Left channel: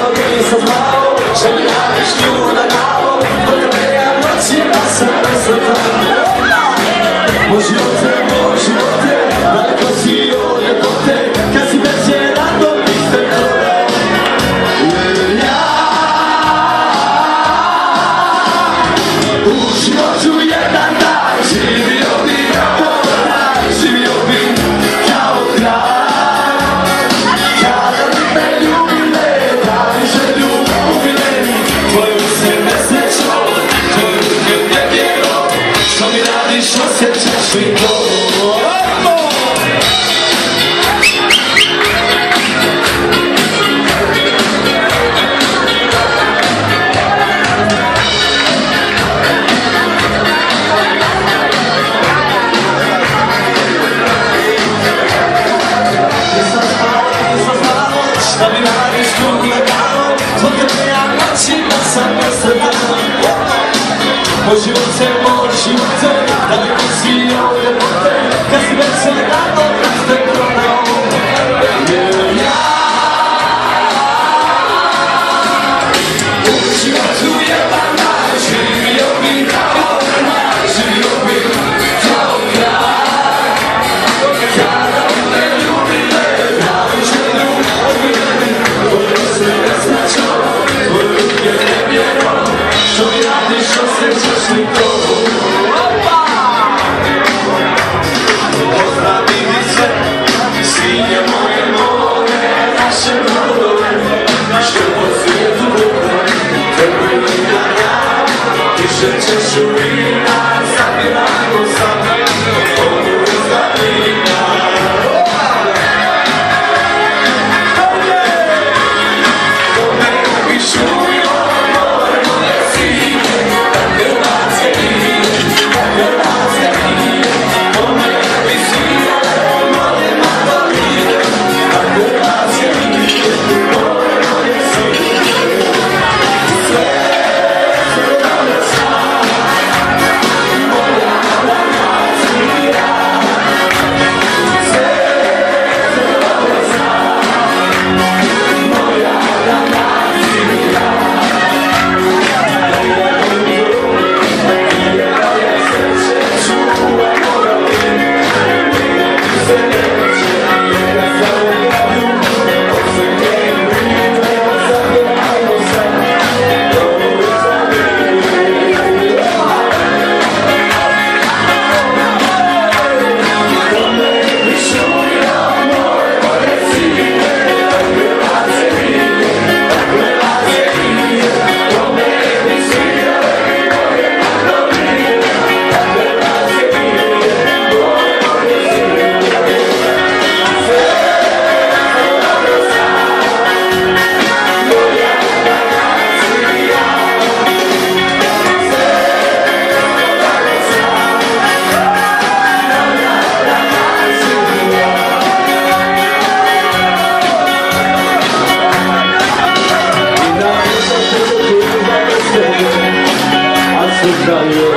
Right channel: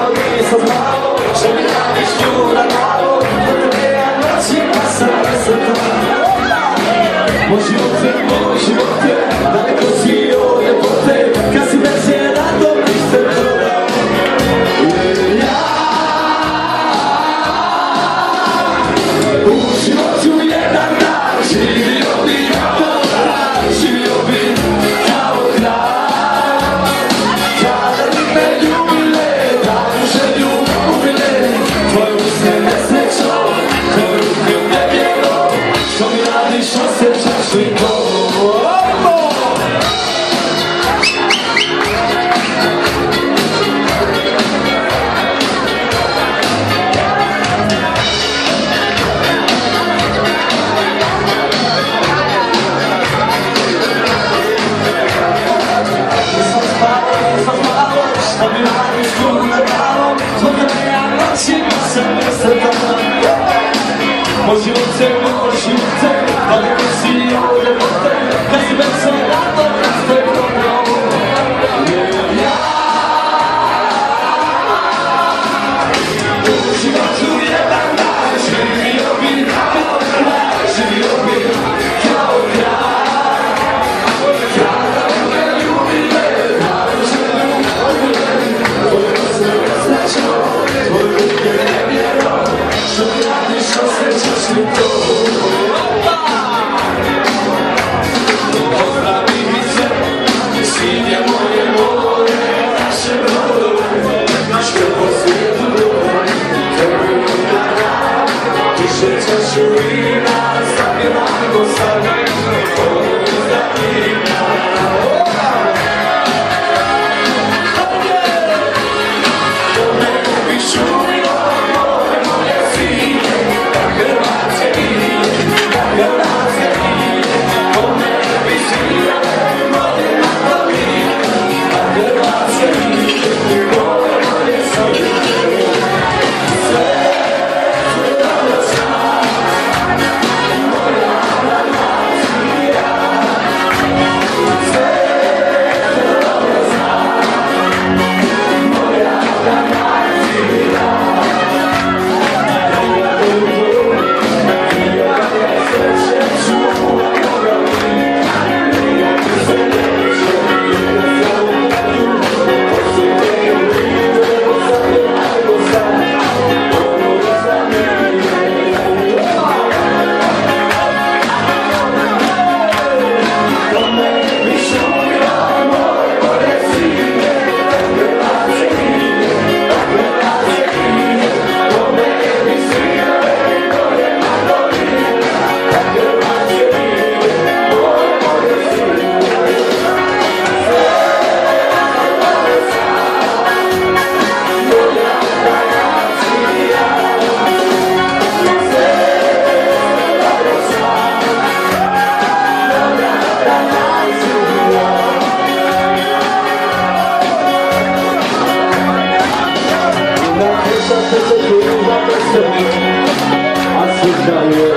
narodili sa zmao, že mi radiš ljubav na glavu, dok tebe ja noćima sam nesretan. Moj život je, daleko si od ljepote, kad si veće rado niste prodao. Jer ja u životu jedan dan živio bi kao kralj. Kada bi me ljubile, pravu želju ubile, tvoju se nesreću, tvoju nevjero, što mi radiš, osjećaš li to? Da mi radiš ljubav na glavu, zbog tebe ja noćima sam nesretan. Moj život je, daleko si od ljepote, kad si veće rado niste prodao. Jer ja u životu jedan dan živio bi kao kralj. Kada bi me ljubile, pravu želju ubile, tvoju se nesreću, tvoju je nevjero, što mi radiš, osjećaš li to? Pozdravi mi sve, sinje moje more, naše brodove, što po svijetu bude, tebe imam ja, više čašu vina, zapivajmo sad, onu iza vina. I'll